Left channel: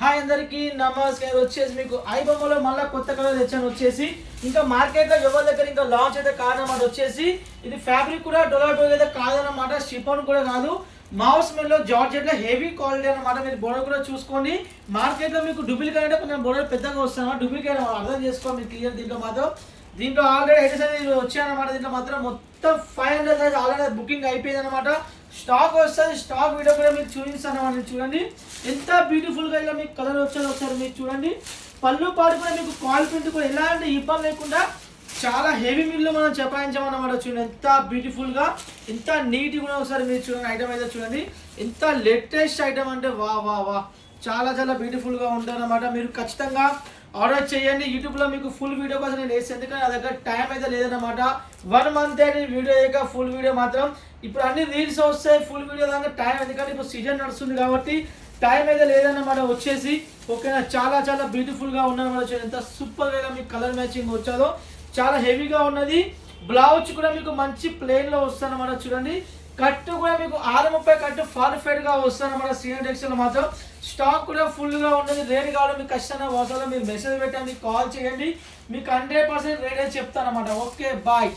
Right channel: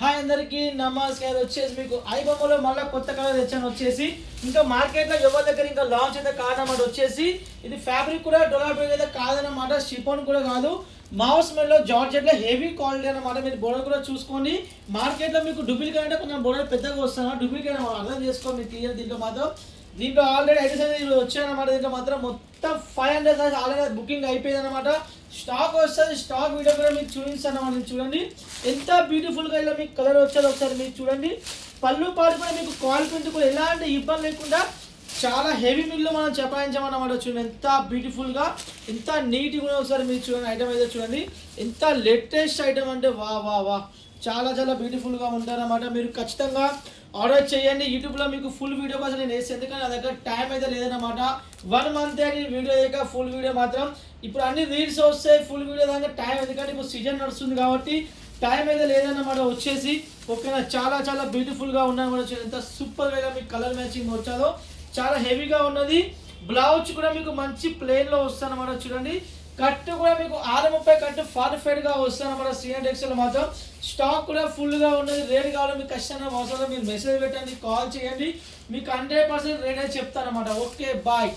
Hi అందరికీ నమస్కారం. వచ్చేసి మీకు ఐబొమ్మలో మళ్ళీ కొత్త కలర్ తెచ్చాను. వచ్చేసి ఇంకా మార్కెట్లో ఎవరి దగ్గర ఇంకా లాంచ్ అయితే కాదన్నమాట. వచ్చేసి ఇది ఫ్యాబ్రిక్ కూడా డొలార్ అయితే కాదన్నమాట, షిఫాన్ కూడా కాదు, మౌస్ మెల్లో జార్జెట్లో హెవీ క్వాలిటీ అనమాట. మీరు బోర్డర్ కూడా చూసుకోండి. మార్కెట్లో మీకు డూప్లికేట్ అంటే కొంచెం బోర్డర్ పెద్దగా వస్తాయి, డూప్లికేట్ అర్థం చేసుకోండి మీరు క్లియర్. దీంట్లో ఆల్రెడీ అయితే వచ్చాయన్నమాట. దీంట్లో మాత్రం మొత్తం 500 సైజ్ ఆల్రెడీ బుకింగ్ అయిపోయింది అనమాట. స్టాక్ వస్తుంది, స్టాక్ వీడియో కూడా మీకు చూపిస్తాను అనమాట. చూడండి ఎంత బ్యూటిఫుల్గా ఇలా మీకు కలర్ వచ్చేది ఒకసారి మీరు చూడండి. పళ్ళు పాటు కూడా మీకు కాల్ ప్రింట్ కూడా ఎలాంటి ఇబ్బంది లేకుండా చాలా హెవీ మిల్లు మనం చెప్పాయించామన్నమాట. చూడండి ఎంత బ్యూటిఫుల్గా, ఎంత నీట్గా కూడా ఒకసారి మీరు చూడండి. ఐటమ్ అయితే చూడండి ఎంత లేటెస్ట్ ఐటమ్ అంటే వా వా వా చాలా చాలా బ్యూటిఫుల్గా ఉంటారన్నమాట. మీరు ఖచ్చితంగా ఆర్డర్ చేయండి. యూట్యూబ్లో మీకు ఫుల్ వీడియో కోసం నేను వేసి, ఎందుకంటే నా దగ్గర టైం అయితే లేదన్నమాట. 1 మంత్ అని వీడియో అయ్యాక ఫుల్ వీడియో మాత్రం ఇప్పుడు అన్ని రీల్స్ వస్తాయి, ఫుల్ వీడియో దాకా టైం, ఎందుకంటే ఇప్పుడు సీజన్ నడుస్తుంది కాబట్టి టైం అయితే లేదన్నమాట. వచ్చేసి ఓకేనా, చాలా చాలా బ్యూటిఫుల్గా ఉన్నమాట. ఎంత సూపర్గా మీకు కలర్ మ్యాచింగ్ వచ్చాదో చాలా హెవీగా ఉన్నది. బ్లౌజ్ కూడా మీకు మంచి ప్లెయిన్లో వస్తుంది అన్నమాట. చూడండి కట్ కూడా మీకు 630 కట్ ఫార్టిఫైడ్గా వస్తుంది అన్నమాట. సీనియర్ టెక్స్టైల్ మాత్రం స్టాక్ కూడా ఫుల్గా ఉన్నది. రేట్ కావాలి మీకు ఖచ్చితంగా వాట్సాప్లో మీరు మెసేజ్ పెట్టండి, కాల్ చేయండి, మీకు 100% రేట్ అయితే చెప్తాను అన్నమాట. Okay bye.